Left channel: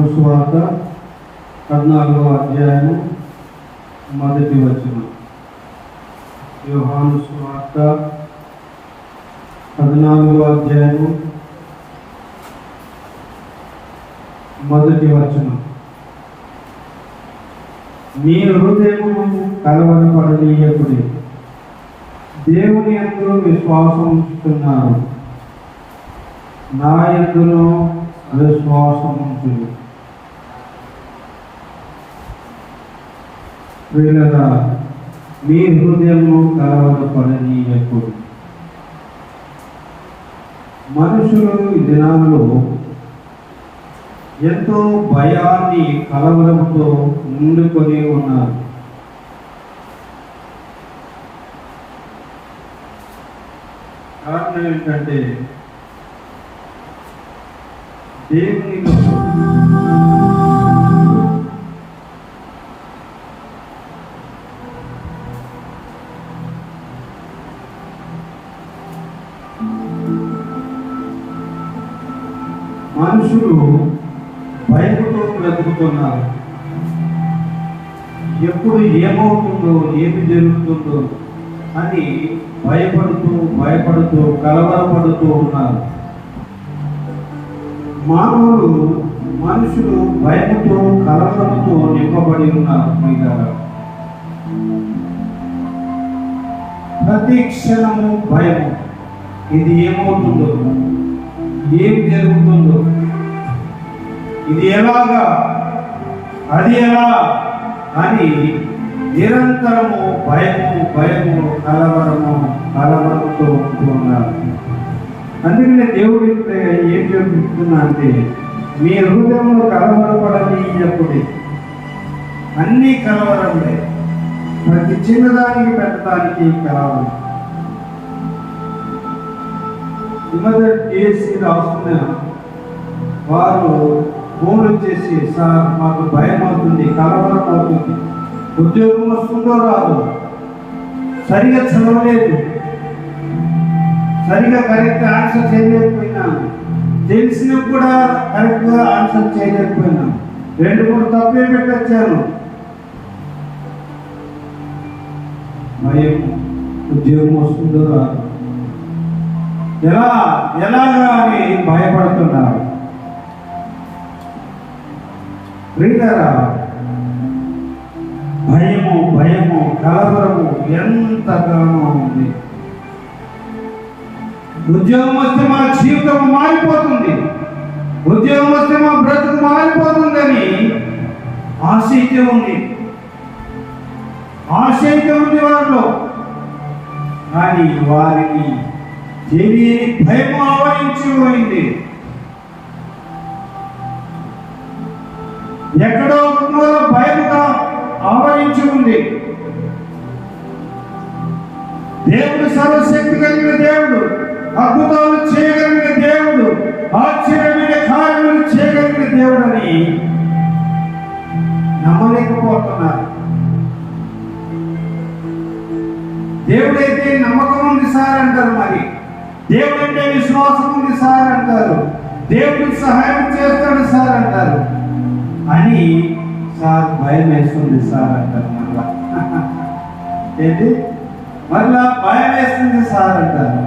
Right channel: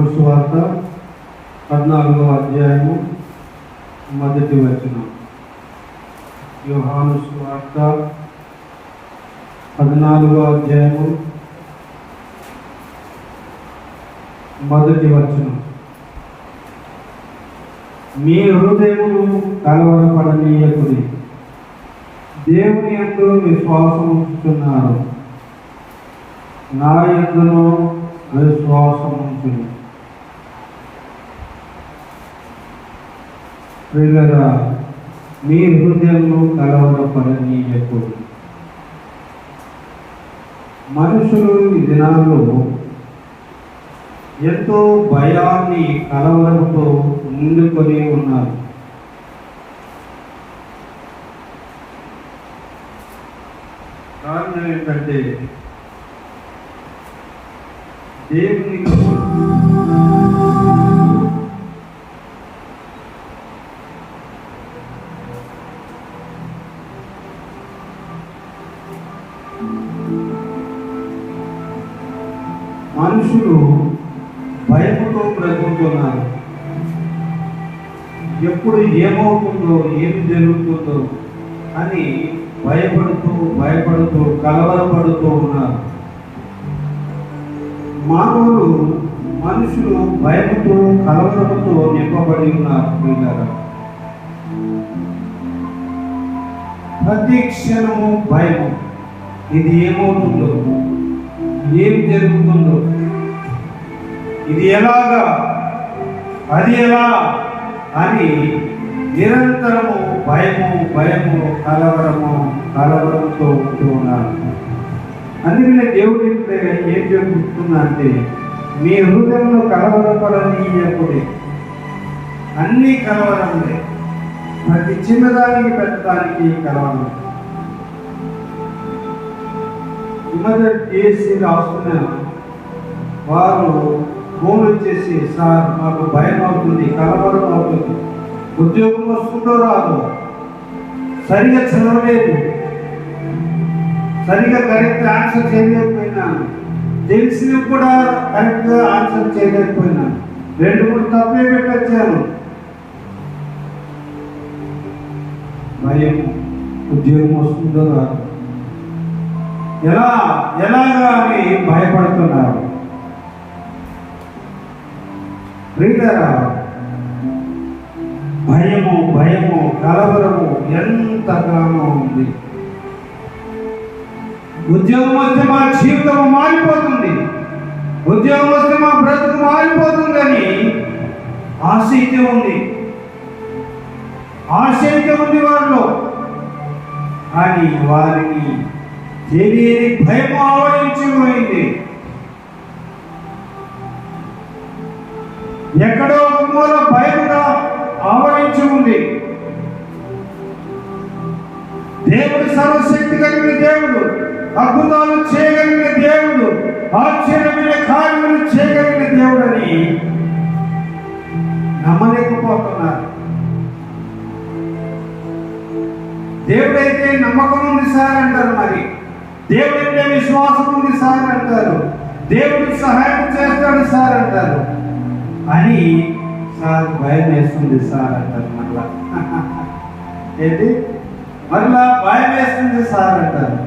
యోహాను సువార్త 14వ అధ్యాయము మొదటి వచనం. యోహాను సువార్త 14వ అధ్యాయము మొదటి వచనం. మీ హృదయములు కలవరపడనీయకుడి, దేవుని యందు విశ్వాసం ఉంచుతున్నారు, నా యందును విశ్వాసం ఉంటుంది. ప్రియులారా, మీ హృదయములు కలవరపడనీయకుడి. మనుషులు ఈ దినాల్లో ఎంతో భయాన్ని, కలవరంతో నిండుకొని ఉన్నారు. కారణం ఏంటంటే దేవుని మనుషులు భయముతో బ్రతుకుతున్నారు. ఎప్పుడు ఏమవుతుందో, ఏమి జరుగుతుందో అని భయపడుతూ కలవరపడుతూ ఉన్నారు. మనుషులు భయముతో, కలవరముతో నింపబడి ఉన్నారు. ప్రతి క్షణము భయము. ఇది ఏమవుతుందో, ఏం జరుగుతుందో, ఇది ఎలాగా, అది ఎలా అని నిరంతరము భయము కలవరంతో ఉంటూ ఉన్నారు. అందుకనే దేవుడు ఏం చెప్తున్నా అంటే, మీ హృదయంలో కలవరపడనీయకుడి. అన్ని కలవరంలే, ప్రతి చిన్నదానికి పెట్టడానికి కలవరం. చేసి రాసుకున్న వారు ఫోన్లు చేసి, సార్ మాకు భయం అవుతుంది, కలవరం అవుతుంది, ఉద్యోగం వస్తుందో రాదు, సరిగా చదవలేదు, సరిగా కరెక్ట్ ఆన్సర్ చేయలేకపోయినాను, తెలిసిన కూడా కరెక్ట్గా ఆన్సర్ చేయలేకపోయినాను, 2-3 తప్పే పెట్టొచ్చాను. భయం, ఉద్యోగం వస్తుందో రాదు, ఎలాగా అని భయపడుతున్నారు. భయము కలవరము ఎంతగానో ఉంది. ఉద్యోగం వస్తే మా జీవితం మారిపోతుంది, ఉద్యోగం వస్తే మా బ్రతుకు మారిపోతుందని ఆశ అయితే ఉంది వారిలో. కానీ వారిని తెలియని భయం ఆవరించిపోయింది. ఎక్కడో ఒక మూల భయముగా ఆవరించి ఉంది. దేవుడు సర్వశక్తి కలిగిన దేవుడు, అద్భుతాలు చేయగలిగిన దేవుడు, ఆశ్చర్యమైన కార్యాలు చేయగలిగిన దేవుడు అని నమ్మలేకపోతున్నారు. దేవుడైతే నమ్మకం ఉంది సార్ అంటారు, మరి దేవుడంటే విశ్వాసం ఉంది సార్ అంటారు, దేవుడికి సహాయం చేస్తాడు సార్ అంటారు, అని సార్ భయం వేస్తుంది సార్ అంటారు. మళ్ళా భయం వేస్తుంది సార్ అంటారు.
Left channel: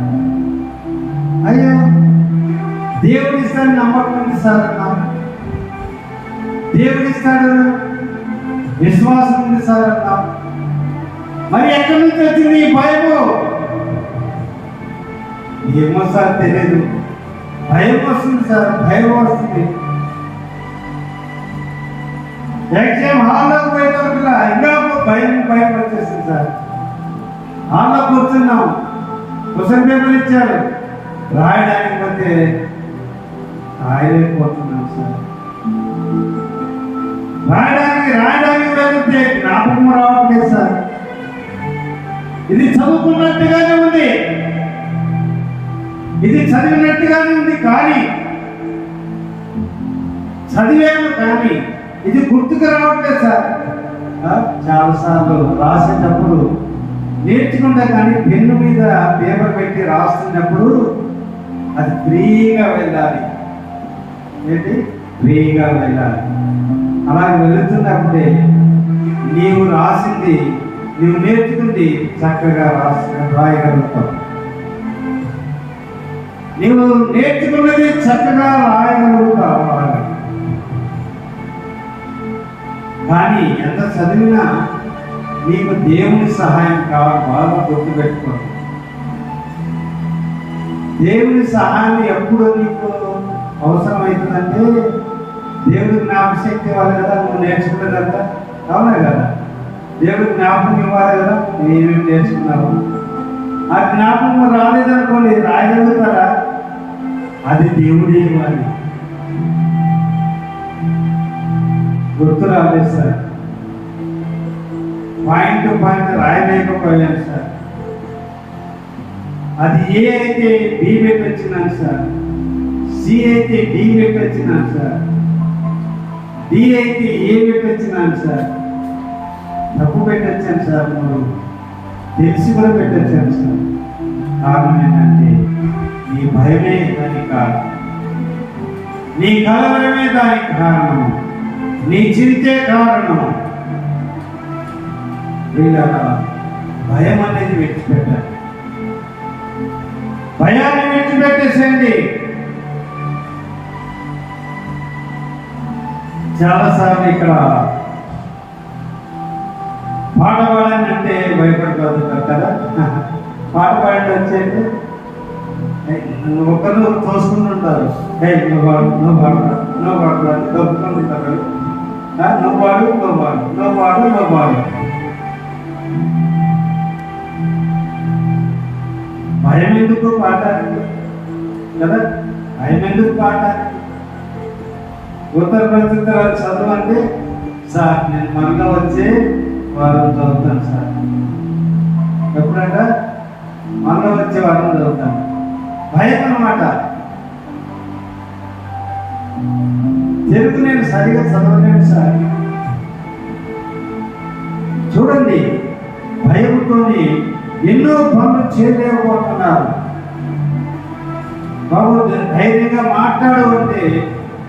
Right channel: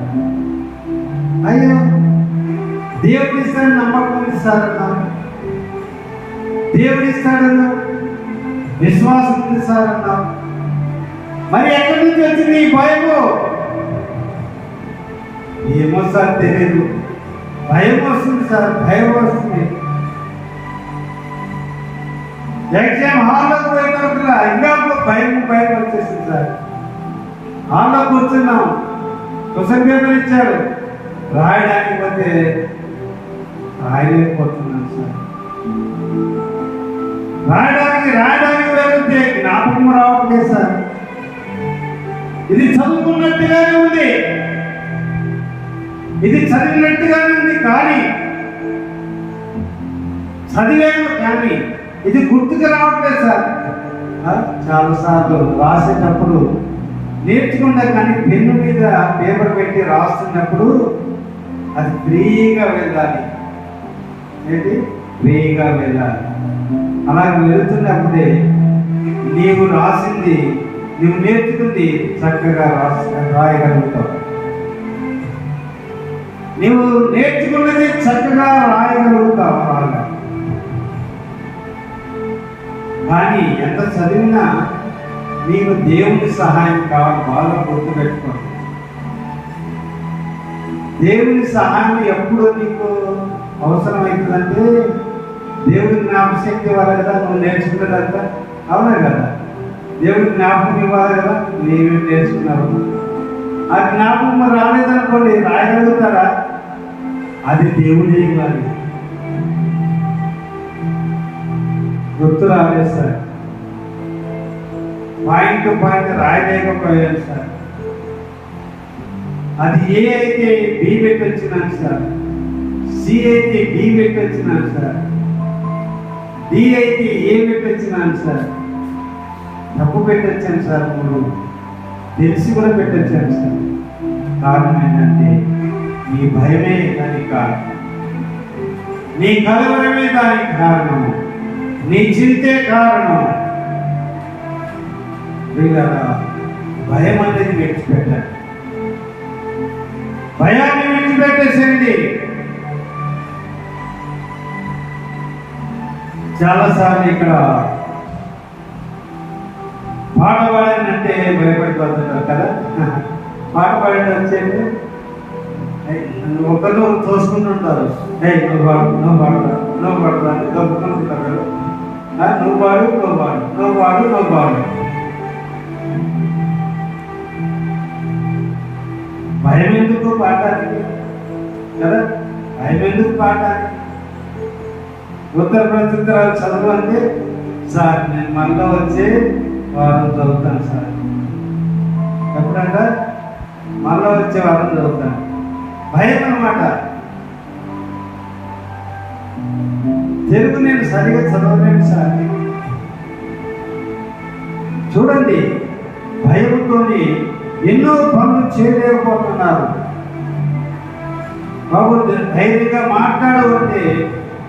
అయ్యో, దేవుడిస్తాడు నమ్మకం ఉంది సార్ అన్నారు, దేవుడిస్తాడు విశ్వాసం ఉంది సార్ అన్నారు. మరి ఎక్కడి నుంచి వచ్చింది ఈ భయము? ఏమో సార్ తెలియదు, భయం వస్తుంది సార్, భయం వస్తుంది. ఎగ్జామ్ హాల్లో పోయినా ఇంకా భయం వచ్చేసింది సార్. హాల్లో కూర్చున్నాం, క్వశ్చన్ పేపర్ ఇచ్చాడు, రాయడానికి పోతే రాయలేకపోతున్నాం సార్. రాయడానికి వెళ్తే జ్ఞాపకం రావట్లేదు సార్. ఇది చదువుకున్నట్టుగానే ఉంది, ఇది చదివినట్టుగానే ఉంది, కానీ చదివాము కానీ ఇది గుర్తుకు రావట్లేదు సార్. చాలాసార్లు రాసేటప్పుడు నేర్చుకుంటా, కానీ పెన్ను మీద పేపర్ పెట్టి రాస్తున్నప్పుడు అది ఫ్రీగా వెళ్ళాలి. ఏంటి ఫ్రీగా వెళ్ళాలి. అలా వెళుతున్నప్పుడే నీవు రాసింది, నీవు నేర్చుకుంది చక్కగా రాయగలుగుతావు. నీవు నేర్చుకున్నది చక్కగా రాయగలుగుతావు. కానీ ఎంత చదివినా నీకు దేవుని సహాయం కావాలి. బాగా గుర్తుపెట్టుకోండి, దేవుని సహాయం ఎప్పుడు నీకు అవసరమవుతుందంటే దేవుడి జ్ఞాపశక్తి ఇవ్వాలి కదా, నువ్వు నేర్చుకుంటుందంట. అవునా కదా? దేవుడి జ్ఞాపకం ఇవ్వాలి కదా, నువ్వేమేమి నేర్చుకున్నావు. ఆ జ్ఞాపకం రాలేదనుకోండి, రాయగలుగుతారా? అది దేవుడే ఇవ్వాలి. గుర్తు రాలేదు సార్, పాయింట్ టు పాయింట్ రాయలేకపోయాను సార్. అది ఏ అయితే బి పెట్టి వచ్చినాను సార్, సి అయితే డి పెట్టి వచ్చినాను సార్, డి అయితే ఏ పెట్టి వచ్చినాను సార్. తప్పు పెట్టొచ్చాను సార్, మూడు తెలిసి కూడా పెట్టొచ్చాను సార్. కారణం ఏంటంటే నీ భయమే దానికి కారణం, నీ కలవరమే దానికి కారణం, నీ చింతే కారణం. భయం అనేది విడిచిపెట్టాలి. భయాన్ని విడిచిపెట్టేసండి. చాలాసార్లు ఇక్కడ పాట పాడండి అంటే భయపడిపోతుంటారు కదా. పాట పాడండి వచ్చేది ఒకరు తోసుకుంటుంటారు. నువ్వు పాడు, నువ్వు పాడతా, నువ్వు పాడతా దొరుకుతుంటారు. నువ్వు పాడు, నువ్వు పాడు, నువ్వు పాడు, నువ్వు పాడు. భయం ఎందుకు పాడడానికి కదా? భయం ఎందుకు పాడడానికి? ఉత్తర ప్రత్యుత్తరాలు చదువు అంటే సార్ నేను మనలో వచ్చే వారం చదువుతాను సార్. ఎప్పుడంట? మనలో వచ్చే వారం చదువుతాను. భయం అన్నమాట. తెలుగు నేను సరిగా చదవలేను సార్. చూడండి, భయంతోని ఎన్నో పనులు చేయలేకపోతున్నారు. బాబు ధైర్యంగా మాట్లాడు అంటే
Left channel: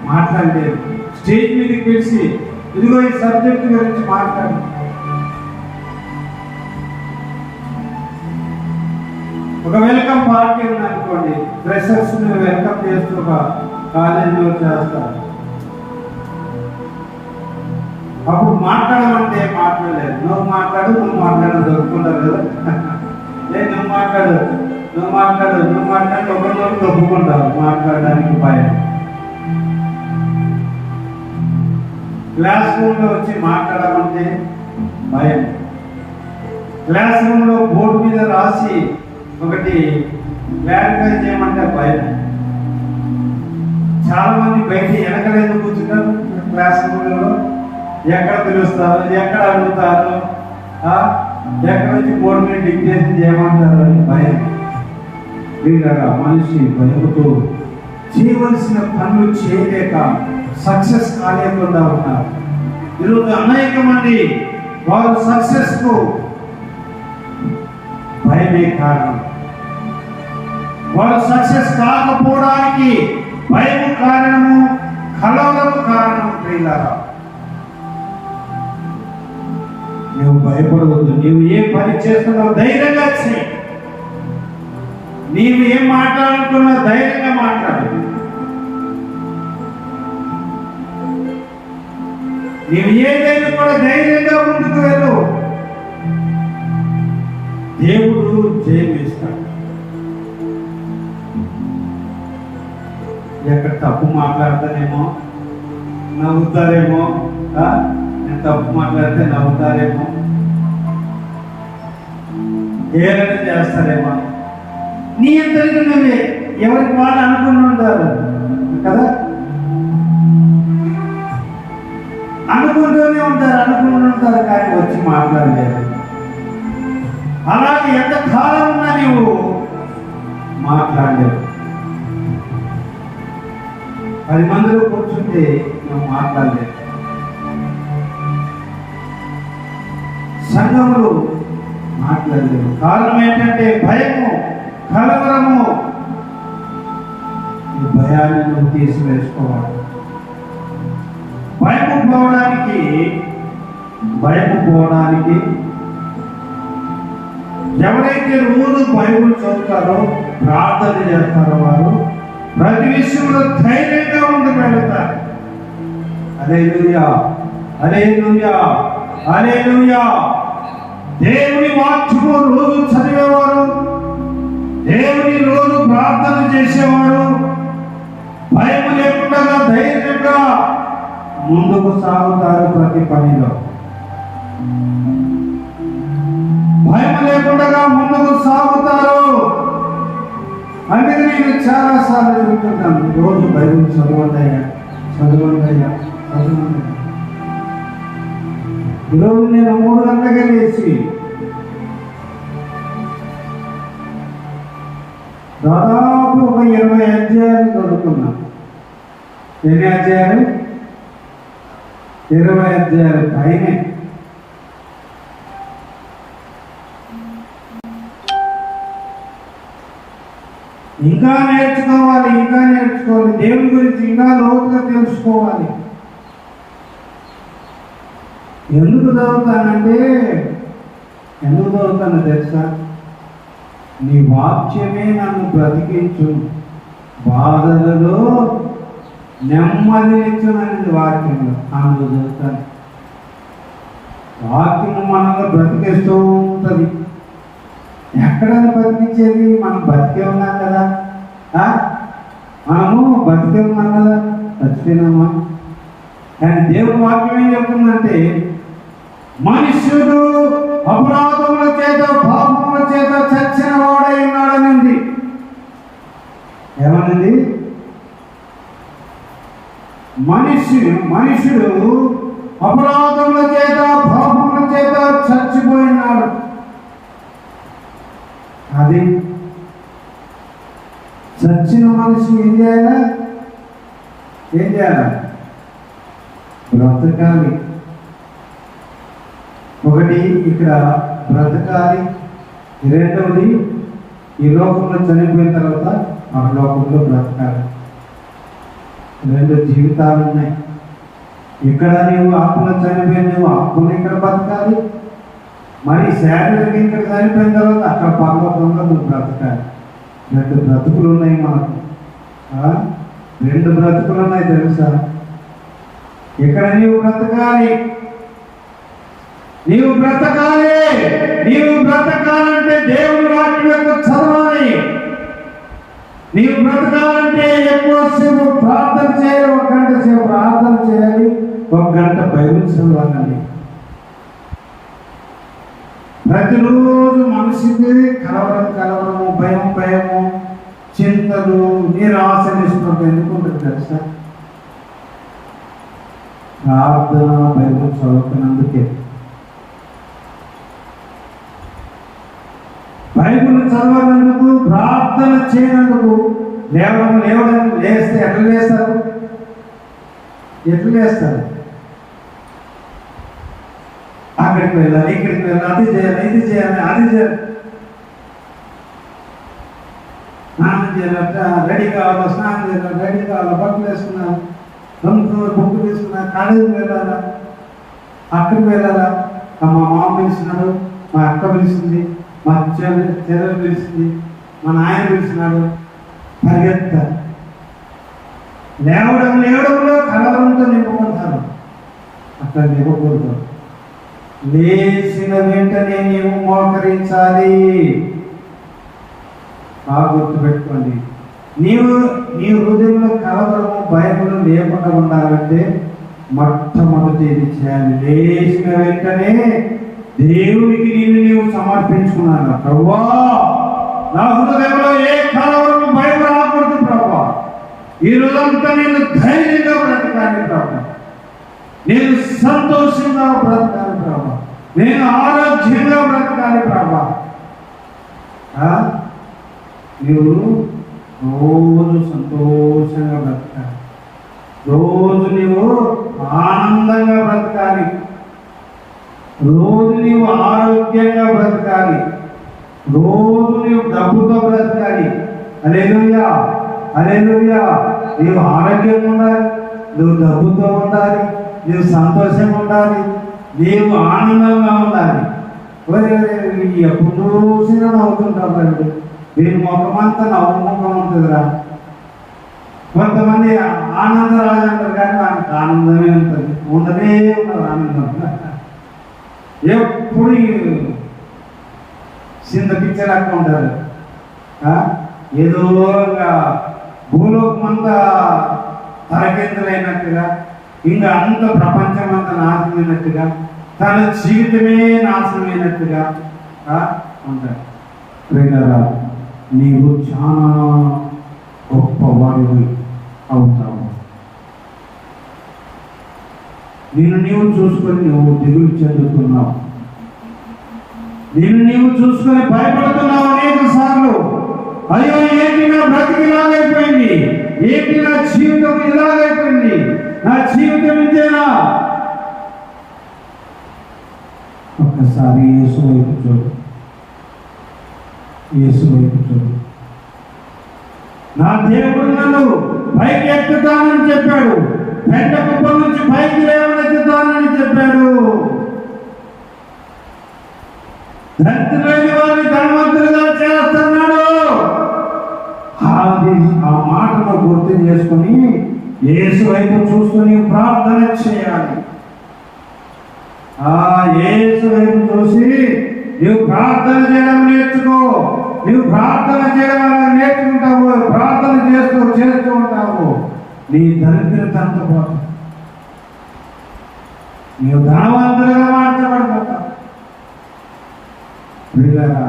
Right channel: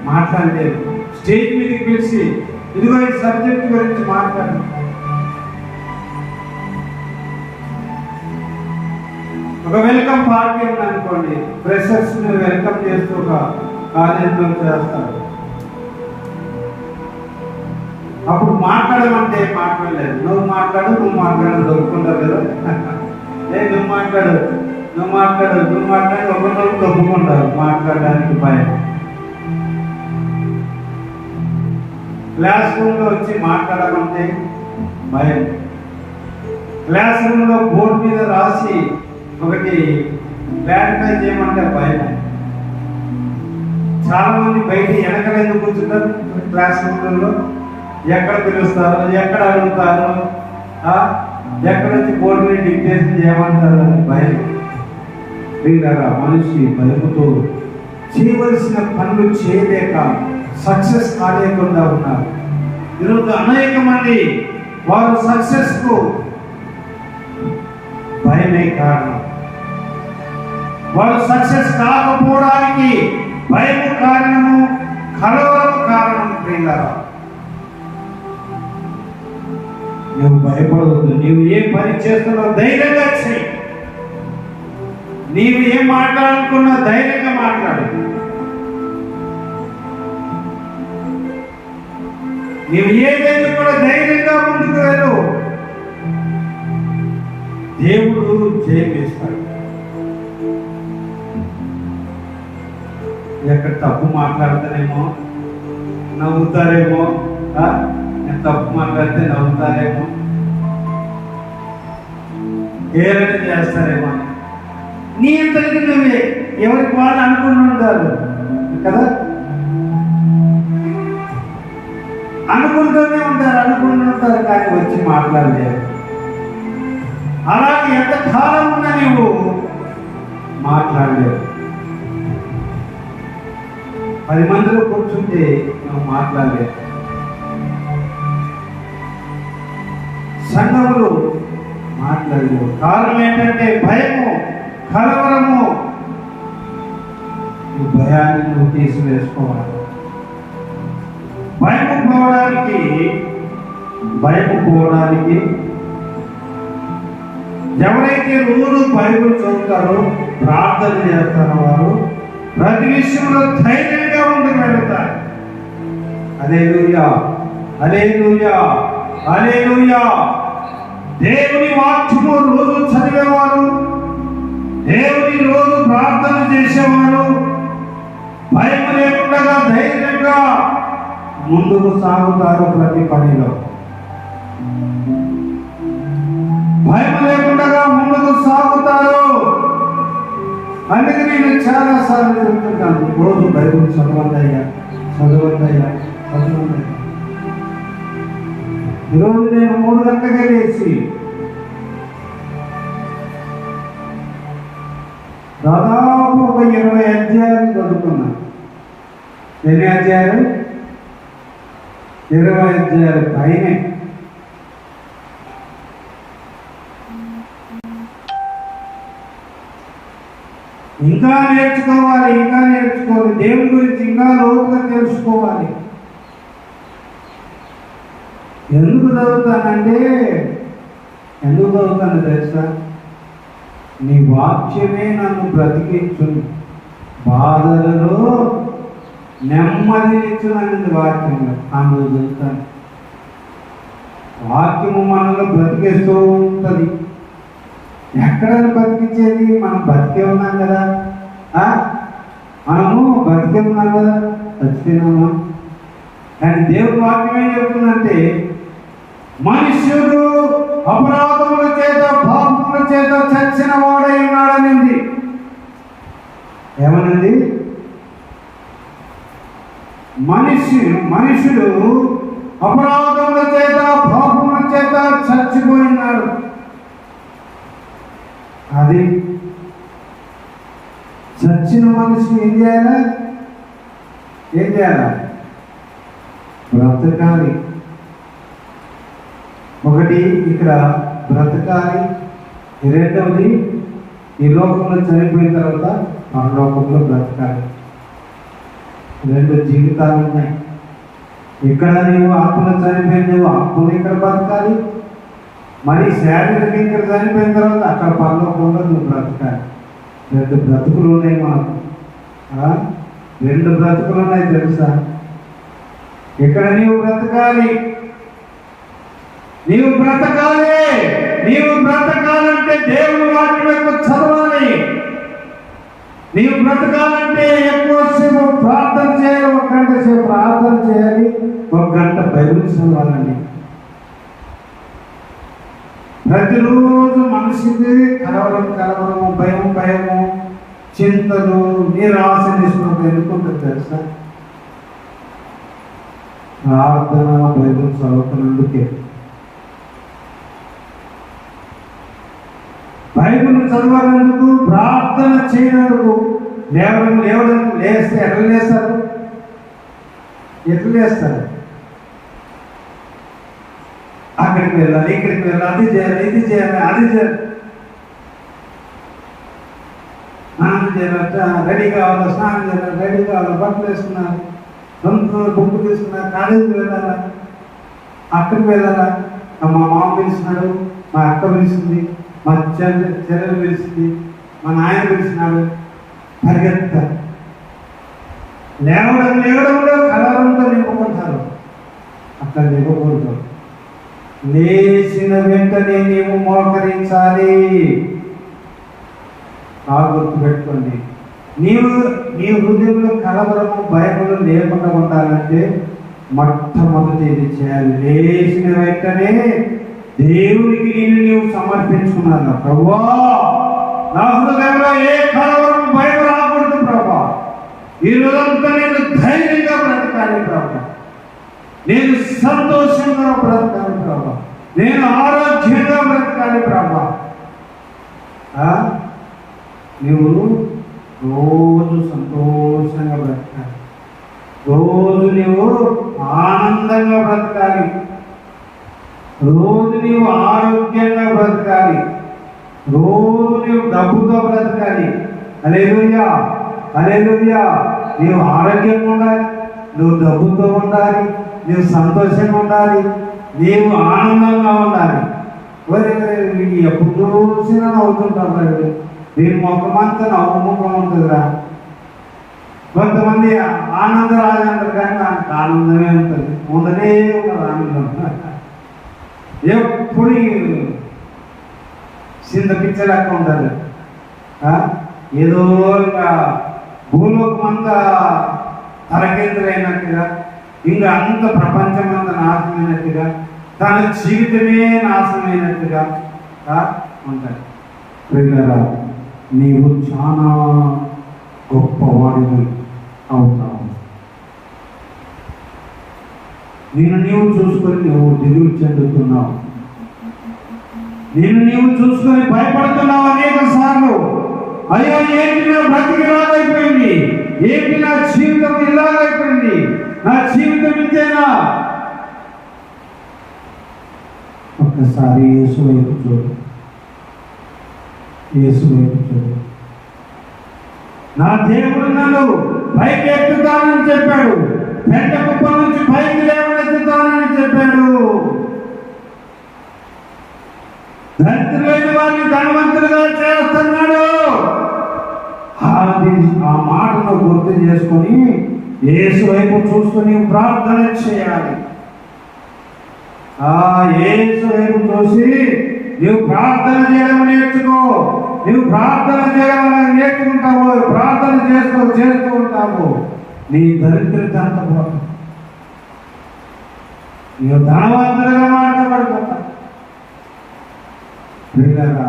మాట్లాడలేదు. స్టేజ్ మీదకి పిలిచి ఇదిగో ఈ సబ్జెక్ట్ గురించి మాట్లాడు. ఒక వెల్కమ్ పార్టీ ఉందనుకోండి, ఫ్రెషర్స్ ని వెల్కమ్ చేస్తూ ఒక కాలేజీలో చేస్తారు. అప్పుడు మాట్లాడమంటే మాట్లాడలేదు. నువ్వు మాట్లాడు, నువ్వు మాట్లాడు దొరుకుతుంటారు కదా. నువ్వు మాట్లాడు, నువ్వు మాట్లాడు, నువ్వు మాట్లాడి ఒకరితో దొప్పుకుంటావు. మాట్లాడడానికి భయం. క్లాస్ రూమ్ లో వచ్చి మాట్లాడమంటే భయం. క్లాస్ రూమ్ లో బోర్డు మీద రాసి ఒకటి క్లారిఫై చేయమంటే భయం. చాలా మంది బయట వెనకలు ఎందుకు కూర్చుంటారు? క్లాస్ రూమ్లలో ఎక్కడ పిలుస్తారు, ఎక్కడ అడుగుతారు, ఎక్కడ నుంచి బోర్డు మీద డిక్టేషన్ చేయమంటారు అని భయం. మనిషి భయముతో చేయవలసిన పనులు చేయలేక సక్సెస్ కాలేకుండా ఉన్నారు. ఈరోజు అనేక మంది వారు సక్సెస్ కు భయమే కారణం. వారు సక్సెస్ కాకపోవడానికి భయము కారణము, కలవరం కారణం. ప్రియులారా, నువ్వు భయపడవద్దు. నీవు ఏం పని చేస్తున్నావు ధైర్యంగా చేయి. నీవు ఏం మాట్లాడుకున్నా ధైర్యంగా మాట్లాడు. నీవు ఏదైనా కూడా ధైర్యంగా ముందుకు వెళ్ళు. దేవుడు జయమిస్తాడు. ఎక్కడ తప్పు మాట్లాడతానేమో నవ్వుతారేమో, నేను తప్పు మాట్లాడితే నవ్వుతారేమో, ఏదైనా చేస్తారేమో, నీ అందరికీ నువ్వే ఎవరికి వాళ్ళు అనుకుంటుంటారు కదా. అనుకుంటూనే ఉంటారు కానీ వచ్చి మాట్లాడలేరు. అలాగే ఎంత కాలం ఉన్నా నీవు మాట్లాడలేవు. 10 మందిలో కూర్చుంటే నువ్వు మాట్లాడలేవు. సంఘములు మాట్లాడలేవు. కారణం ఏంటంటే భయము, కలవరము. ఈ భయాన్ని నువ్వు తీసివేసుకోవాలి. భయపడిపోవడానికి ఎవరైతే రోజు బైబిల్ చదువుతారో ప్రార్థన చేస్తారో వారు ప్రతి విషయంలో ధైర్యంగా ఉండి వెళ్తారు. హల్లెలూయా, హల్లెలూయా, హల్లెలూయా. దేవుని వాక్యము రోజు చదివేవారు, దేవుని రోజు ప్రార్థన చేసేవారు భయం లేకుండా ధైర్యంగా ముందుకు సాగుతారు. ప్రతి పనిలో భయం లేకుండా ముందుకు సాగుతారు. అందుకే నేను చాలా సార్లు చెప్తున్నాను, రోజు బైబిల్ చదవండియా, చదవండియా, చదవండియా. ఈరోజు నేను 3 గంటలుగా లేచి దాదాపు ఒక 20 అధ్యాయాలు చదువుతున్నాను. ఎన్ని అధ్యాయాలు? 20 అధ్యాయాలు పైనే. ఇంకా నేర్చుకోవాలి, ఇంకా నేర్చుకోవాలి. దేవుని గురించి ఇంకా లోతుగా తెలుసుకోవాలి. ఎందుకు చదువుతానంటే, ఎందుకు చదువుతాను తెలుసా? నీ వాక్యమే నన్ను బ్రతికించు, బాధలలో నెమ్మదించునని వాక్యము. అందులో చదువుతాను. వాక్యము మనల్ని బ్రతికిస్తూ ఉంటుంది. ఎక్కడైనా బతికించేది? మనం బతికే ఉన్నాం కదా, మనము బతికే ఉన్నాం కదా, చచ్చిపోయినామా? కానీ దేవుడు వాక్యం ఏం చెప్తుందంటే, మనుష్యుడు అపరాధముల చేత పాపముల చేత చచ్చిన వాడై ఉన్నాడనింది. ఏమనండి? మనుష్యుడు అపరాధముల చేత పాపముల చేత చచ్చిపోయినాడు. అది చచ్చిన మనిషి ఏం చేయాలా? ఏం చేయాలా? బ్రతకాలి. ఒకటి ఇక్కడ బ్రతకాలి, రెండవది ఈ లోకంలో చనిపోయిన తర్వాత పరలోకంలో బ్రతకాలి. 2 జీవితాలు ఉన్నాయి. ఇక్కడ నీవు ఆత్మలో చనిపోయిన నువ్వు ఆత్మను ఇక్కడ బ్రతకాలి, మరి శారీరక ఇక్కడ చనిపోయిన తర్వాత అక్కడ పరలోకంలో నువ్వు బ్రతకాలి. 2 బ్రతుకులు ఉన్నాయి మనకు. 2 బ్రతుకులు ఉన్నాయి తెలుసా? ఇక్కడ నీవు బ్రతకాలి, నీవు బ్రతకాలి. నీవు బ్రతకాలంటే దేవుని వాక్యం యొక్క చదవాలి. నీవు బ్రతకాలంటే ఎక్కువసేపు ప్రార్థన చేయాలి. 1 గంట సేపు ప్రార్థన చేయాలి, 1 గంట బైబిల్ చదవాలి. ప్రతిరోజు మనిషికి కలవరము, భయము, చింతలు, నిరాశ, నిష్పత్తి ఎందుకుంటుంది తెలుసా? ప్రార్థన బైబిల్ చదువుతున్నందుకే. బైబిల్ చదవనందుకు, ప్రార్థన చేయనందుకు, లేస్తే ఎట్లా లేస్తారు? అక్కడికి వెళ్ళాలి, ఇక్కడికి వెళ్ళాలి, అది చేయాలి, అది చేయాలి. స్నానం చేయాలి, రెడీ కావాలా, స్నానం చేయాలి, రెడీ కావాలా, బట్టలు వేసుకున్నారు, బుక్ తీసుకున్నారు, కాలేజీకి వెళ్ళాలా, అక్కడికి వెళ్ళాలా. మా మామ పిలిచినాడు, మా అక్క పిలిచింది, మా చెల్లెలు పిలిచింది, మా నాయన పిలిచినాడు, పరిగెత్తారు. లేవడంలో కలవరంతో నింపుకుంటారు. అక్కడ నింపకూడదు. లేచిన వెంటనే నీవు మోకరించాలి. బాగా గుర్తుపెట్టుకోండి. నీ హృదయంలో కలవరము, భయములు లేకుండా ఉండాలంటే మొట్టమొదటి ఇది చేయాలి. లేచిన వెంటనే దేవునికి నీవు సమర్పించుకున్నాను. ప్రభువా, నా హృదయంలో ఏ కలవరం, భయం రాకూడదు ప్రభువా. ఈ రోజంతా నేను ధైర్యంగా బ్రతకాలి ప్రభువా, నేను సంతోషంగా బ్రతకాలి ప్రభువా, నేను ఆరోగ్యంగా బ్రతకాలి ప్రభువా. నువ్వు రోజు సంతోషంగా బ్రతకాలి, రోజు నీవు ఆనందంగా బ్రతకాలి, రోజు నీవు ఆరోగ్యంగా బ్రతకాలి, రోజు నీవు డబ్బుతో బ్రతకాలి. హల్లెలూయా, హల్లెలూయా. నీవు ఆరోగ్యంగా ఉండాలి, నువ్వు డబ్బుతో ఉండాలి, నువ్వు సంతోషంగా ఉండాలి, నీవు ఆనందంగా ఉండాలి. ఎప్పుడు చూసినా నవ్వుతుంటారు. దీని మొక్కమంతా నవ్వు ముఖం ఉంటుందిరా. కొంతమంది ఆనందరాజు అంటారు కానీ నాకు ఆనందమే ఉంటుంది, ఉండనే ఆనందం. ఎప్పుడు చింత పిచ్చలేక ఉంటారు. ఏదో భూలోకం అంతా తలకెందులైనట్టుగా, ఇంకా అంత ప్రపంచం అంతా నాశనమైనట్టుగా, తన జీవితమే నాశనమైనట్టుగా ఉంటారు. ప్రియులారా, నీవు చాలా గొప్పవాడివి అవుతావు. నిన్ను నీవు చూసుకొని నువ్వు దిగులు చెందుతున్నావు, నిన్ను నీవు చూసుకొని భయపడుతున్నావు అనేక సార్లు. అయ్యో, ఏంటి నా బ్రతికి ఇలాగైపోయింది, ఏంటి నా జీవితం ఇలాగైపోయింది, నా జీవితం ఇంతేనా? ఒక్కసారి యేసు వైపు చూడు, యేసు వైపు చూడు. నా దేవుడు నన్ను పైకి ఎత్తుతానని చెప్పాడు, పెద్ద కుప్ప నుంచి పైకి లేవనెత్తుతానని చెప్పాడు. దరిద్రులైన వారిని ధనవంతులుగా చేస్తున్నాడు. ఆ మాటను గుర్తు చేసుకొని యేసు వైపు చూసుకొని ప్రార్థన చేయాలి. యేసు వైపు చూసి నువ్వు ప్రార్థన చేయడం నేర్చుకో. నువ్వు ప్రార్థన చేయడం నేర్చుకుంటావు, ప్రార్థన చేస్తూ ఉంటావు, నీ దరిద్రత అంత పోతావు, నీవు ధనవంతులుగా మాట్లాడబడిపోతావు. ప్రియులారా,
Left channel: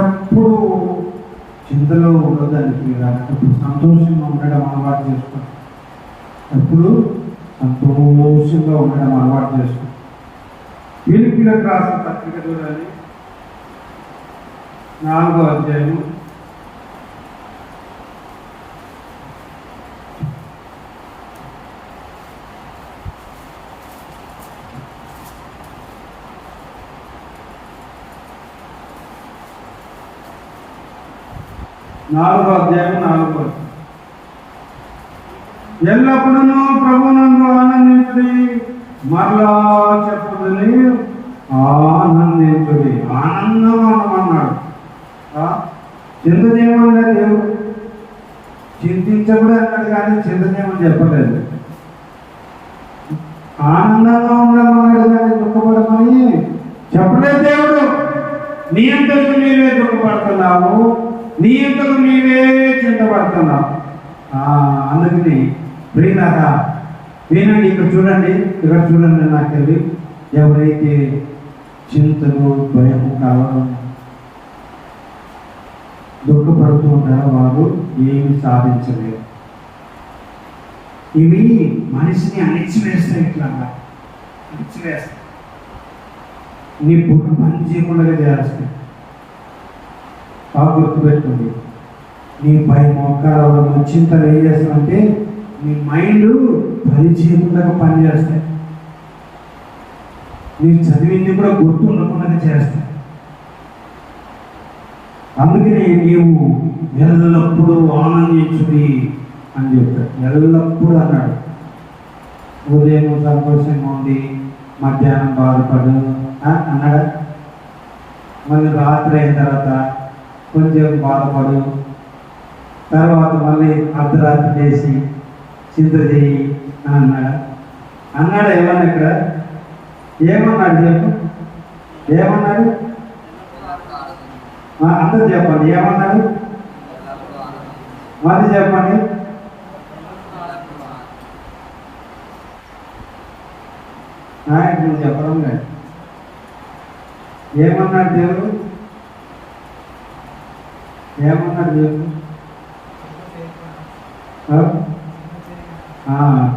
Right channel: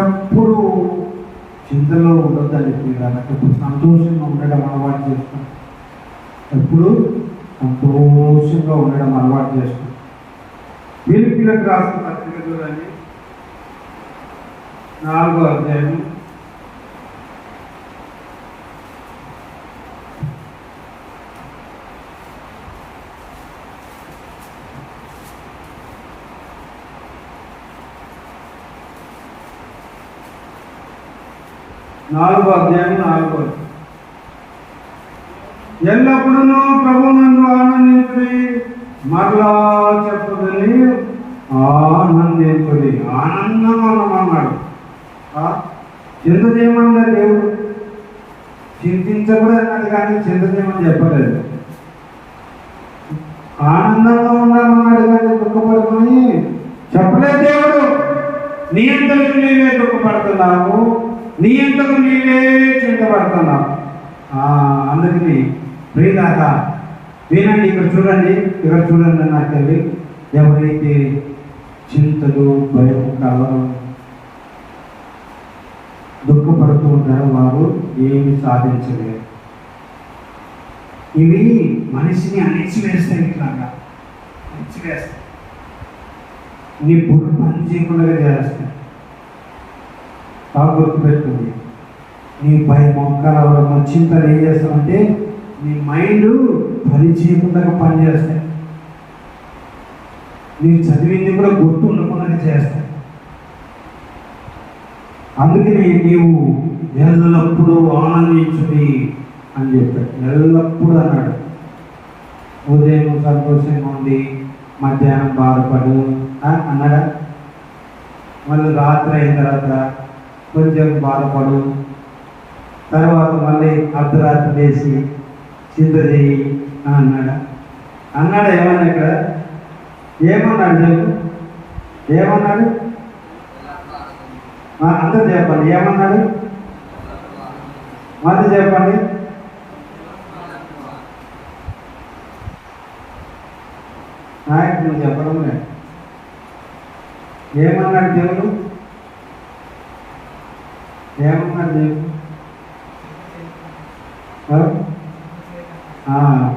ఎప్పుడు చింతలో ఉండదని ప్రియులారా, ఎప్పుడు సంతోషంగా ఉండడం అలవాటు చేసుకో. ఎప్పుడు సంతోషంగా ఉండడం అలవాటు చేసుకో. ఫిలిప్పీయులకు రాసిన పత్రిక చూడండి, 4వ అధ్యాయం 4వ ఎల్లప్పుడూ ప్రభువునందు ఆనందించుడి, మరలా చెప్పుదని ఆనందించుడి. ఆనందంగా ఉండమన్నాడు. చింతదేమన్నాడు దేవుడు, చింతించకూడదు అన్నాడు కానీ చింతదేమని చెప్పలేదు. ఆనందంగా ఉండమన్నాడు కానీ దుఃఖపడుకొని చెప్పలేదు దేవుడు. నీ అంతకు నీవే దుఃఖపడుతున్నావు, నీ అంతకు నీవే చింతపడుతున్నావు. అందుకని ప్రియులారా, వినండి, ఇక్కడ చూడండి నాకు తెలివి. ఎవరైతే చింతలు భయం కావడం దుఃఖపడుతూ ఉంటారో వారు ఏమి సాధించలేరు. ఇవి మనిషిని అణిచివేస్తాయి, ఇట్లాగా అణిచివేస్తాయి, నీ బుర్ర పని చేయకుండా చేస్తాయి. బాగా గుర్తుపెట్టుకుంది. నీ పై మొక్కలు చింతలు ఏం చేస్తామంటే నీ మైండ్ పని చేయకుండా పనిచేస్తాయి, నీకు చదివింది కూడా గుర్తు ఉండకుండా చేస్తాయి. అందుకని నీవు ఎల్లప్పుడూ ఆనందించుడి అని చెప్పాడు. ఎల్లప్పుడూ అన్నాడు. ఉదయం సంతోషంగా ఉండి మధ్యాహ్నం బాధపడు అన్నాడా? మళ్ళీ రాత్రి అయిన తర్వాత కొంచెం బాధపడు, తర్వాత మళ్ళీ అర్ధరాత్రి చేసి చింత చేయి అన్నాడు. ఏమన్నా ఇక్కడ ఏమన్నాడు చెప్పు, ఏమన్నాడు? అందరూ చెప్పండి, ఏమన్నాడు? మళ్ళీ చెప్పండి. నాయకుడు చెప్పడం లేదు. ఏమన్నాడు దేవుడు? ఏమన్నాడు దేవుడు?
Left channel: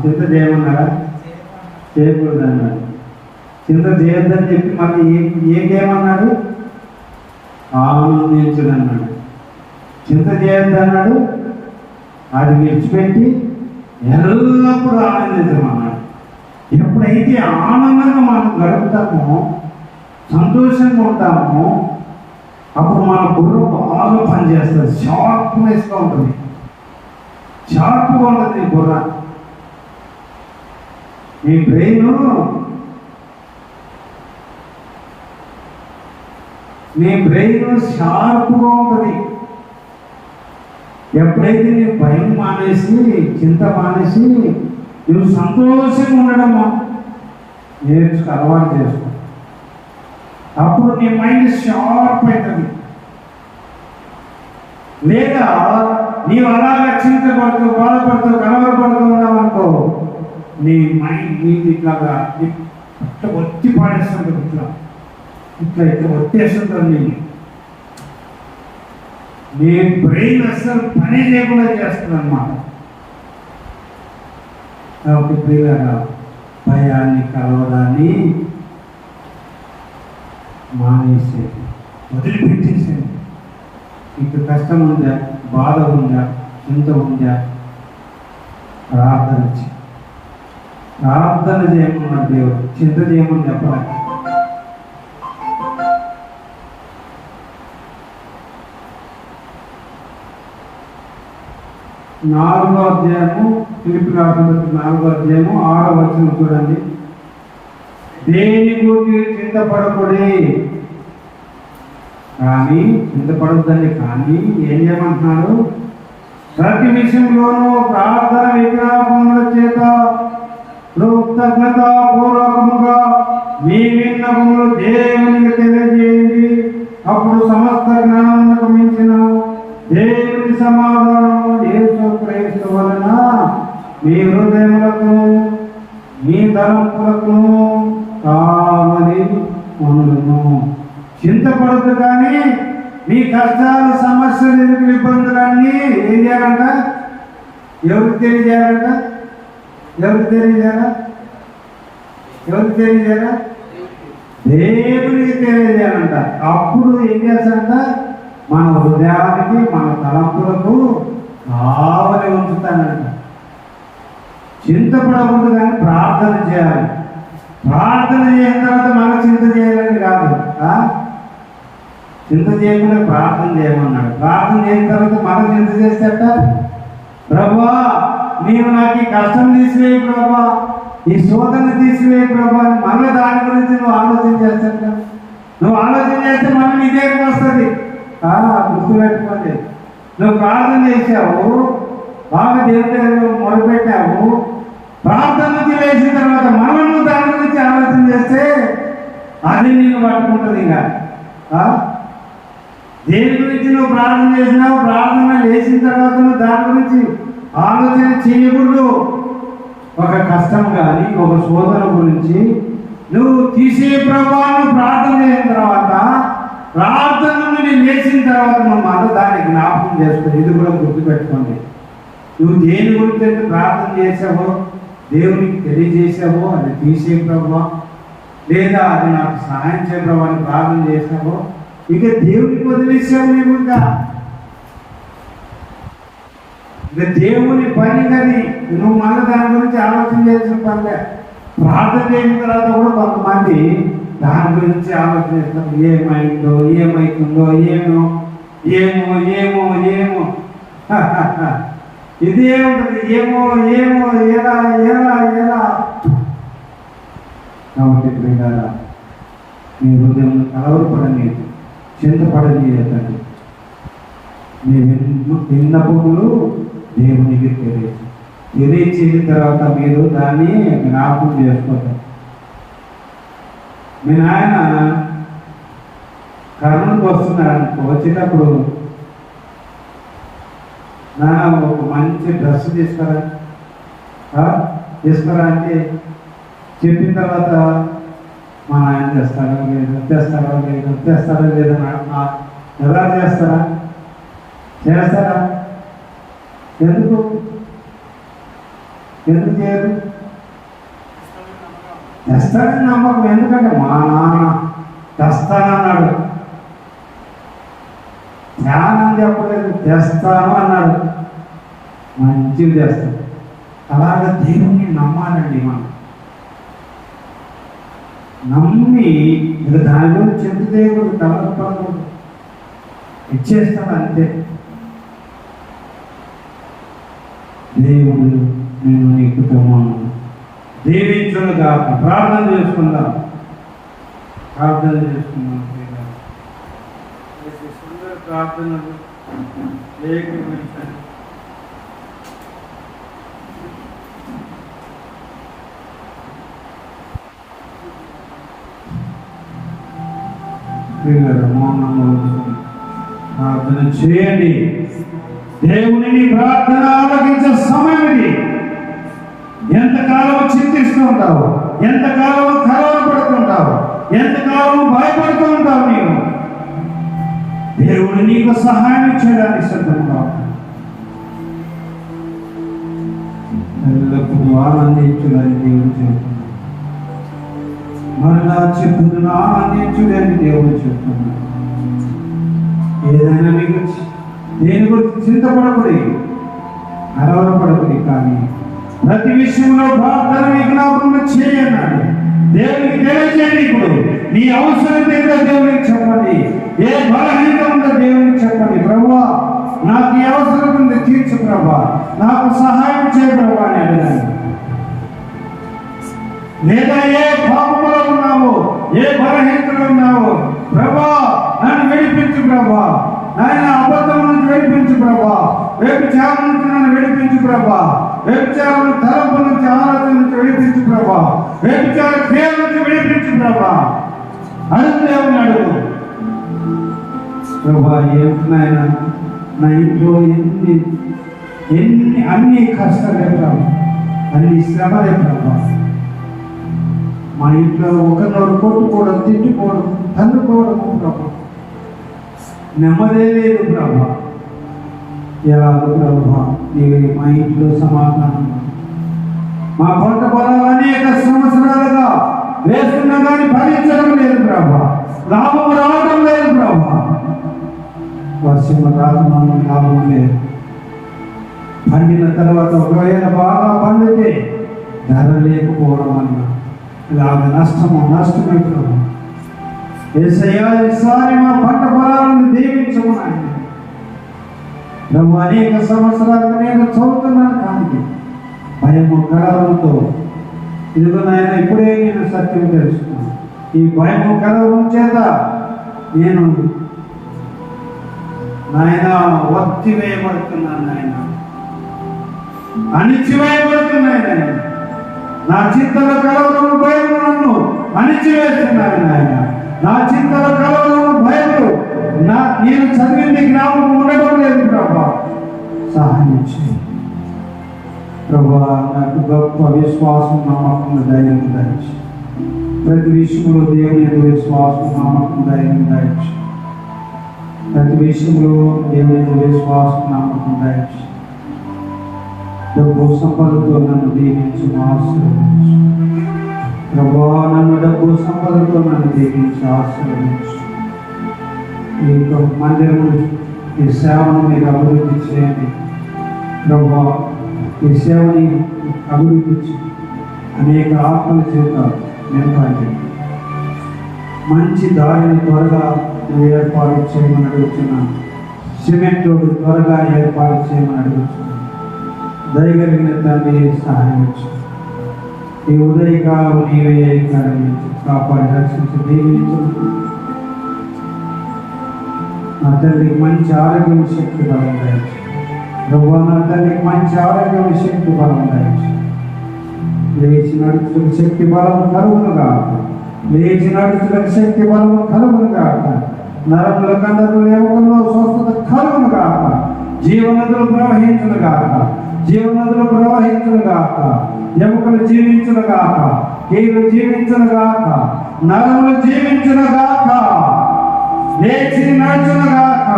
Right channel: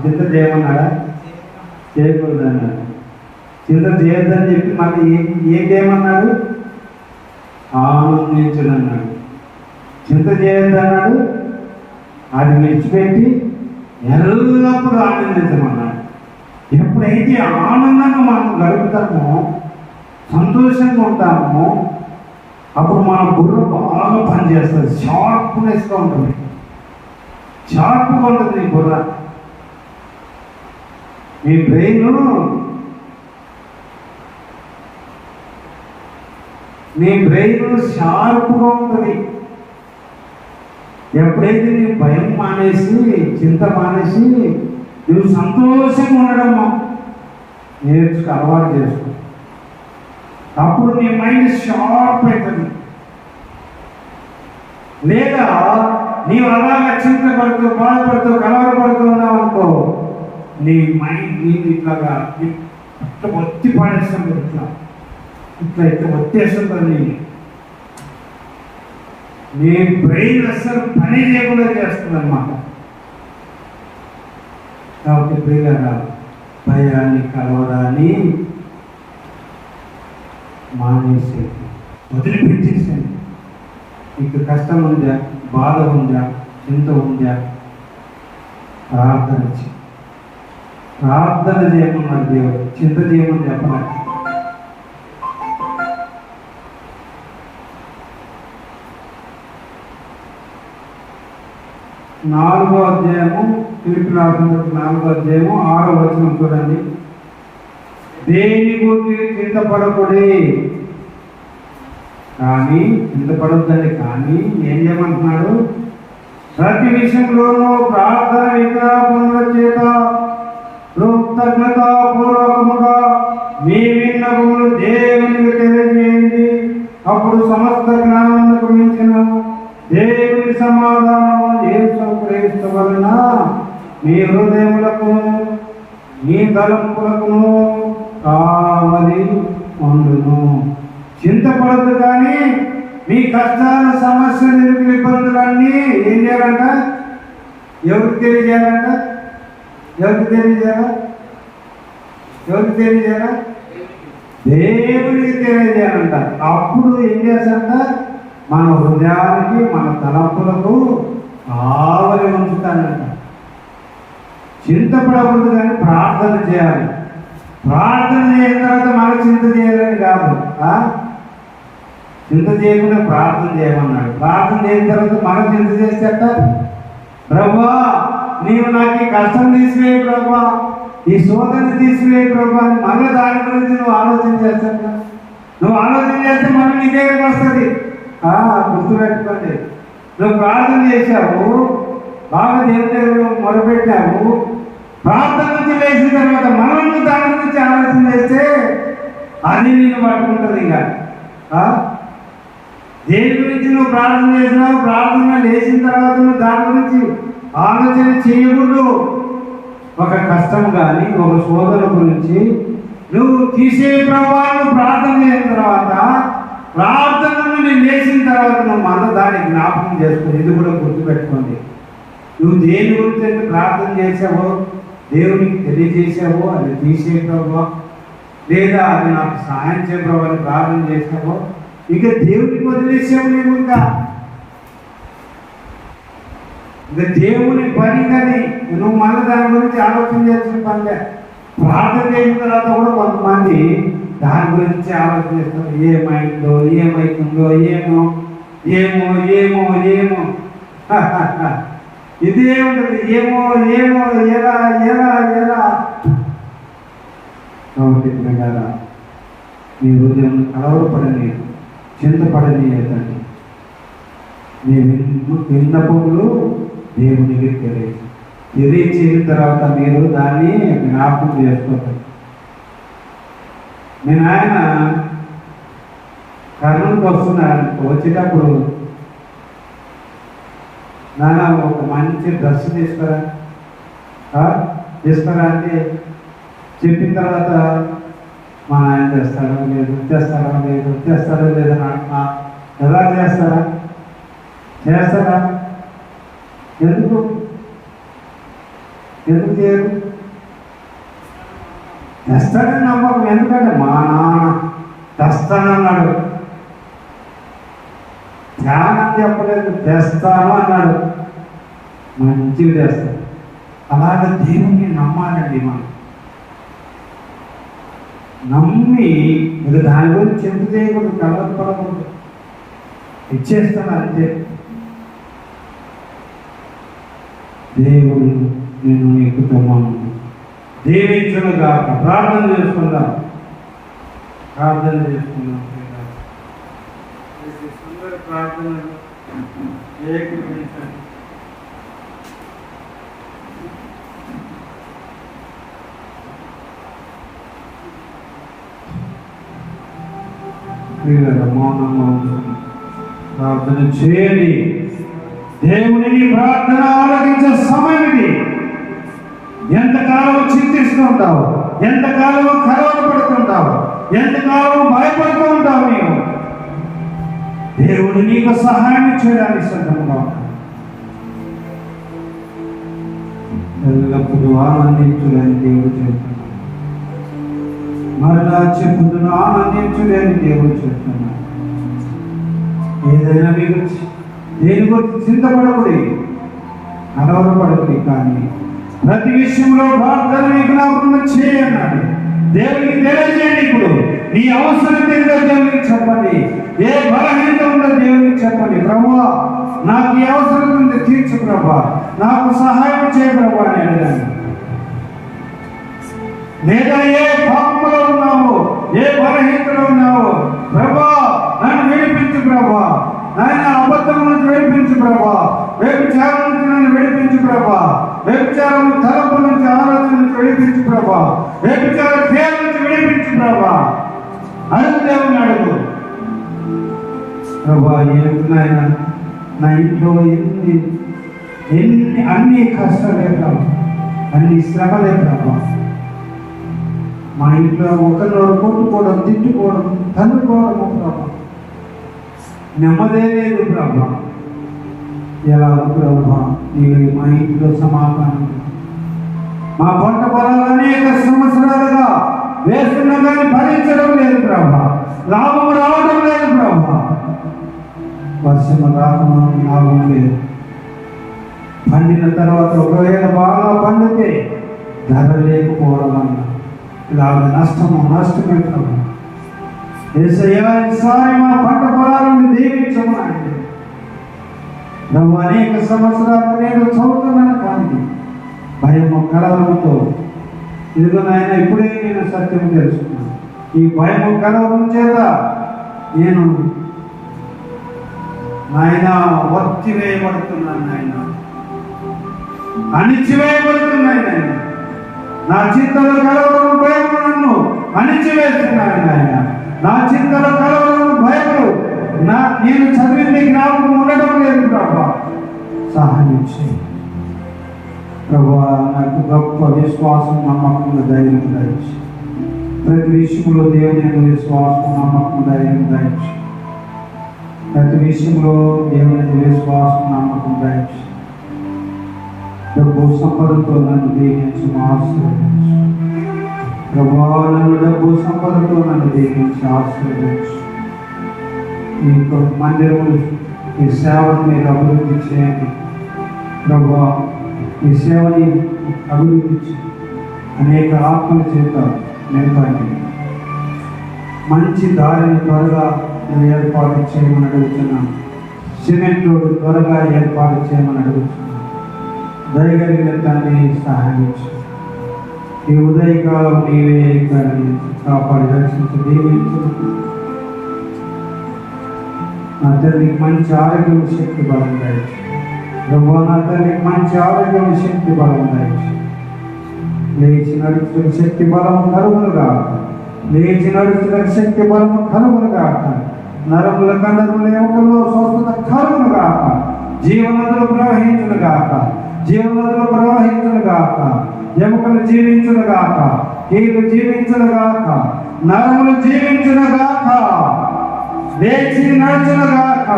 చింత చేయమన్నాడా? చేయకూడదు అన్నాడు. చింత చేయొద్దని చెప్పి మళ్ళీ ఏమన్నాడు? ఆనందించడు అన్నాడు. చింత చేయొద్దు అన్నాడు, అది విడిచిపెట్టి ఎల్లప్పుడూ ఆనందించమన్నాడు. ఎప్పుడైతే ఆనందంగా మనం గడుపుతామో, సంతోషంగా ఉంటామో, అప్పుడు మన బుర్ర బాగా పనిచేస్తుంది, షార్ప్నెస్గా ఉంటుంది, షార్ప్గా ఉంటుంది బుర్ర. నీ బ్రెయిన్ షార్ప్గా ఉంటుంది. ఎప్పుడైతే నీవు భయం మానేసి, చింత మానేసి, నువ్వు సంతోషంగా ఉండడము అలవాటు చేసుకో. అప్పుడు నీ మైండ్ షార్ప్ అవుతుంది. లేదా నీవు అలాగా చింతపడుతూ, బాధపడుతూ, కలవరపడుతూ ఉన్నావు అనుకో, నీ మైండ్ నీది ఇట్లాగా ఇట్లా ఒత్తి పాడేస్తుంది. ఇట్లా ఒత్తేస్తుంది. నీ బ్రెయిన్ అసలు పని చేయకుండా చేస్తుంది అన్నమాట. కాబట్టి ప్రియులారా, భయాన్ని, కలవడాన్ని మానేసేది, వదిలిపెట్టేసేది. మీకు కష్టం ఉందా, బాధ ఉందా, చింత ఉందా, ప్రార్థన చేయమన్నాడు దేవుడు. చింత చేయమని చెప్పాలి. నాలుగో అధ్యాయము, ఫిలిప్పీ రాసిన 4వ అధ్యాయము 6వ వచనం చూడండి. దేని గురించి చింతపడకూడే, కానీ చింతపడొద్దండి, కానీ ఏం చేయమంటున్నాడు? ప్రతి విషయంలోనూ ప్రార్థన, విజ్ఞాపనల చేత కృతజ్ఞతాపూర్వకముగా మీ విన్నపములు దేవునికి తెలియజేయండి. అప్పుడు సమస్త జ్ఞానమునకు మించిన దేవుని సమాధానం యేసుక్రీస్తు వలన మీ హృదయములకు, మీ తలంపులకు కావలి ఉండును. చింతపడద్దు, కానీ మీ కష్టాలు, సమస్యలు, ఇబ్బందులన్నీ ఏం చేయాలంట? ఎవరికి తెలియజేయాలంట? ఎవరికి తెలియజేయాలా? దేవునికి తెలియజేయాలంట. అప్పుడు ఏం చేస్తాడంట? మన హృదయానికి, మన తలంపులకు కావలి ఉంచుతానంట. చింతపడకూడదు, కానీ ప్రార్థన చేయాలి. ప్రార్థన చేసిన తర్వాత మనం చింత చేయాలని కాదు. చింత చేయకుండా ప్రార్థన చేయమన్నాడు. ప్రార్థన చేసిన తర్వాత మనం చింత చేసేట, ప్రభా నీవు నాకు ఈ కష్టం తీసివేయి ప్రభా, ఈ శోధన తీసివేయి ప్రభా, మళ్ళీ దాని గురించి నువ్వు ఆలోచన చేస్తాట. నువ్వు ఆలోచన చేస్తే మళ్ళీ నీ దగ్గరకు వస్తుంది. గుర్తుపెట్టుకోండి, నువ్వు ప్రార్థన చేశావు, బాగా దేవుడి దగ్గర మొదలుపెట్టావు, ప్రార్థన నుంచి లేచిన తర్వాత మనం దాని గురించి ఆలోచన చేస్తే అది నేను పట్టుకుంటుంది. ఇక దేని గురించి నువ్వు ప్రార్థన చేసినావు, ప్రార్థన లేచిన తర్వాత నువ్వు దాని గురించి ఆలోచన చేయకూడదు. ఒక కష్టం కానీ, ఒక శోధన గురించి నువ్వు తీసే ప్రభావాన్ని ప్రార్థన చేసిన తర్వాత, ప్రార్థన నుండి లేచిన తర్వాత నువ్వు మళ్ళీ దాన్ని జ్ఞాపకం చేసుకోండి. ఇది కూడా గుర్తుపెట్టుకోండి. నువ్వు దేని గురించి ప్రార్థన చేసావో, దేవునికి తెలియజేసావో, అది తీసే ప్రభావ, లేదా అది నాకు సహాయం చేయ ప్రభావ అని ప్రార్థన చేసావో, ఇక దేవునికి వదిలేసావు. నువ్వు ఇక దేవుని పని కానీ నువ్వు మళ్ళీ దాని గురించి ఆలోచన చేసిన పనిగా. ప్రార్థన చేసిన తర్వాత కూడా కొంతమంది దాని గురించి ఆలోచన చేస్తారు. ఏమైందో, ఏమవుతుందో, ఏమో ఏమో ఏమో ఏమో ఇదే ఉంటుంది. ఏమో ఏమో ఎలా ఎలా ఎలా. కాబట్టి మీ హృదయం కలవరపడని, చింతపడనీయకండి. మీ విన్నపములు దేవునికి తెలియచేసిన తర్వాత మీరు దాన్ని జ్ఞాపకం చేసుకోవాలి. నేను ఆయన కర్నూలుకి వస్తున్నాను. వచ్చేటప్పుడు నాన్న ఒక మంచి డ్రెస్ తీసుకురా అంటే చెప్పిన తర్వాత మా నాయన చేస్తారో లేదు, వచ్చేస్తారో లేదని ఎలా చేస్తారా? ఎందుకు చేయరు? తెస్తాడని నమ్మకం. ఎందుకంటే మా నాన్న తెస్తానన్నాడు. ధ్యానం చెప్పలేదు, తెస్తాను అన్నాడు. మంచిగా చేస్తాడు. అలాగే దేవుణ్ణి నమ్మాలండి. మనం నమ్మి ఇక దాని గురించి చింత చేయకూడదు, కలపకూడదు, ఇచ్చేస్తాడు అంతే. దేవుడు నేను నీ కుటుంబం దీవించునుగా. ప్రార్థన చేసుకుందాం. సుందర ప్రార్థనలు ఏకీభవించండి. ప్రార్థన చేయండి. దేవుని ప్రార్థన ఆలకించే సమయం ఇది. ఎంతకాలం చింతిస్తూ ఉంటావు, ఎంతకాలం కలవరపడుతుంటావు, ఎంతకాలం భయపడుతూ ఉంటావు. నీవు దేవుడు నీకు సహాయం చేయడానికి సిద్ధంగా ఎల్లప్పుడూ ఆనందించులని దేవుడు చెప్తున్నాడు. మరలా చెప్పుతున్న ఆనందించులని దేవుడు చెప్తున్నాడు. ఏదైనా మీకు దేని గురించి చింతపడకూడదు, కలవరపడకూడదు, కానీ ప్రతి విషయంలో ప్రార్థన విజ్ఞాపన చేయన్నాడు. దేవునికి తెలియజేయండి. ఇప్పుడు నీ అవసరం ఏంటో దేవునికి చెప్పండి. ఏ బలహీనత ఉందో దేవునికి చెప్పండి. ప్రభువా, నాకు ఈ అవసరం ఉంది, తీర్చు ప్రభువా, నాకు సహాయం చేయ ప్రభువా అని అడగండి. లేదా ఏ పాపంలో ఉన్నావు, ఏ బలహీనతలో ఉన్నావు, ప్రభువా నన్ను విడిపించు ప్రభువా, నాయన అబద్ధం నుంచి విడిపించు ప్రభువా, వ్యభిచారం నుంచి నన్ను విడిపించు ప్రభువా, వ్యభిచారం తలపు నుంచి ఆలోచన నుంచి విడిపించు ప్రభువా, వ్యభిచార క్రియల నుంచి విడిపించు ప్రభువా. అడుగునే ఉన్నాడు. ప్రభువా, నాయన నా ఇంట్లో అన్ని కష్టాలే ప్రభు, అన్ని శ్రమలే ప్రభు. మా ఇంట్లో ఒకరినొకరు కొట్టుకోవడం, తిట్టుకోవడం, తన్నుకోవడం ప్రభు, నెమ్మదే లేదు ప్రభు. ప్రభా, నీవే మా ఇంట్లో సమాధానం. మా పంట పొలాలు అనేక సంవత్సరాలుగా వేస్తున్నా కానీ ఫలించడం లేదు ప్రభా, లాభం రావడం లేదు ప్రభా. వర్షం రావడం లాభం లేదు. పండిన తర్వాత ఒకవేళ బాగా పండితే ధర లేకపోవడం వల్ల ఇలాగ నష్టమే ప్రభా. యేసయ్యా, ఈసారి మా పంట పొలాలను దీవించమని నువ్వు అనేక సంవత్సరాలు నేను చదువుతున్నాను, కానీ భయము కలవరంతో ఇదిగో నాయన ఇప్పుడే నేను సత్యం తెలుసుకున్నాను. ఈ భయము కలవరం చేత నేను నాయన వర్తివేయబడుతున్నాను, నాయన అణిచివేయబడుతున్నాయి. నాయన నా చింతలో కలవరం భయం నన్ను అణిచివేస్తున్నాయి. నాయన నా చింతలో కలవరం భయము నేను చదివింది జ్ఞాపకం ఉండటం లేదు ప్రభా. సహాయం చేయి ప్రభా. నాకు గొప్ప విశ్వాసం, నమ్మకం, ధైర్యం దయచి ప్రతి విషయంలో దేవుని విశ్వాసం, నమ్మకం, ధైర్యం దయచి ప్రతి విషయంలో దేవుని విశ్వాసం, నమ్మకం దయచి ప్రభు సంపదతో నన్ను దీవించి ఆశీర్వదించు ప్రభా. నన్ను డబ్బు సంపదతో నన్ను దీవించి ఆశీర్వదించు. ఈ మందిరము, ఈ సేవను మీరు అభివృద్ధి చేయండి ప్రభా. ఈ సేవని అభివృద్ధి చేయండి. అనేక ఆత్మల చేత నింపండి. మంచి దారిని త్వరగా ఏర్పాటు చేయమని అడుగుతున్నాను. సిమెంట్ రోడ్డు త్వరగా ఏర్పాటు చేయమని అడుగుతున్నాను. దయగలిగిన తండ్రి సహాయం చేయండి. ఈ ఉదయకాలం నీవే కాపాడి రక్షించి దీవించు. నా తల్లికి మంచి ఆరోగ్యం, శక్తి, బలం దయచు ప్రభు. నా తల్లికి మంచి ఆరోగ్యం, శక్తి, బలం దయచు. లేచి నడుచుకుని శక్తి బలం కలుగునుగా. లేచి నడుచుకుని శక్తి బలం కలుగునుగా. నరముల కన్నరుల ఎముకల్లో స్వస్థత కలుగునుగా. జీవనదులు ప్రవహించునుగాక. జీవనదులు ప్రవహించునుగాక. ఎముకలు జీవించునుగాక. కీలు జీవించునుగాక. నరములు జీవించునుగాక. లేచి నడుచునుగాక.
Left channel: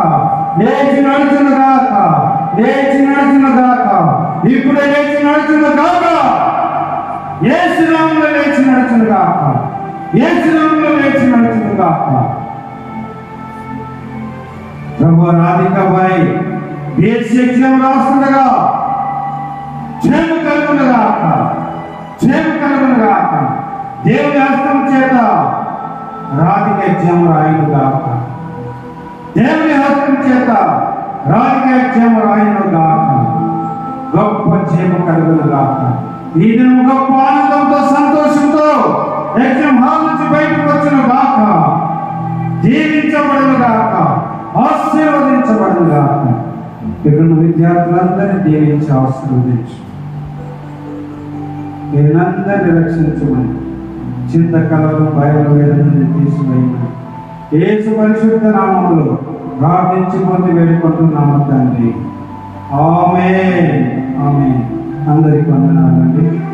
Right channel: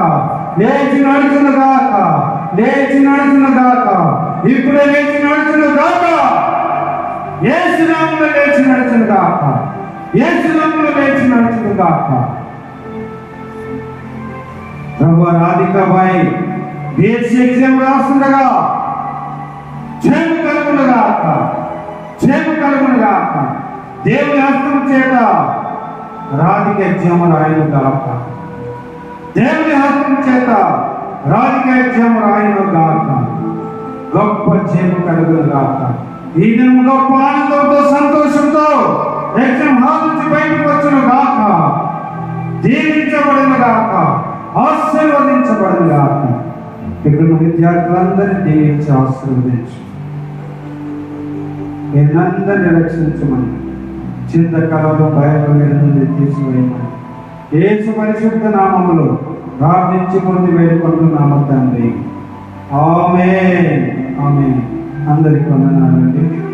లేచి నడుచునుగాక. లేచి నడుచునుగాక. ఇప్పుడే లేచి నడుచునుగాక. యేసు నామములో లేచి నడుచునుగాక. యేసు నామములో లేచి నడుచునుగాక. ప్రభు, రాధికపై బీఎస్సీ ఎగ్జామ్ రాస్తుండగా క్షేమ కలుగునుగాక. క్షేమ కలుగునుగాక. దేవుని హస్తం చేత రాధిక ఎగ్జామ్ రాయనుగాక. దేవుని హస్తం చేత రాధిక ఎగ్జామ్ రాయనుగాక. గొప్ప క్షేమ కలుగునుగాక. ఈ దినం గొప్ప ఆనందంతో సంతోషంతో ఎగ్జామ్ హాల్ నుంచి బయటకు వచ్చిన గాక, దీవించబడిన గాక, ఆశీర్వదించబడిన గాక. ఇక్కడ విద్యార్థులందరినీ దీవించి ఆశీర్వదించు. మీరందరినీ రక్షించమని, చింతకాలం భయపడి తీసివేయమని యేసు పరిశుద్ధ నామములో ప్రార్థించి పొంది వేడుకుంటున్నాము తండ్రి. ఆమేన్. ఆమేన్. అందరికి వందనాలండి.